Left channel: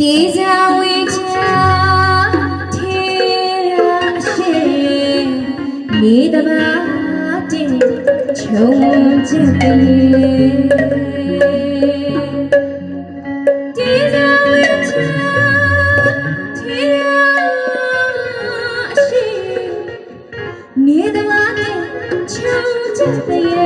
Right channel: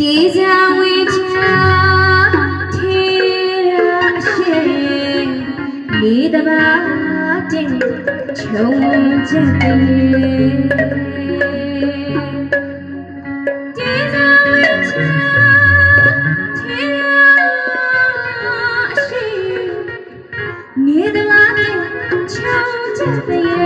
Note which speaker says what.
Speaker 1: ဒီဇံဝေချာထေရရှိနေတဘာတင်ခြုံချက်တည်းဒီဇံဝေချာထေရရှိနေတဘာတင်ခြုံချက်တည်း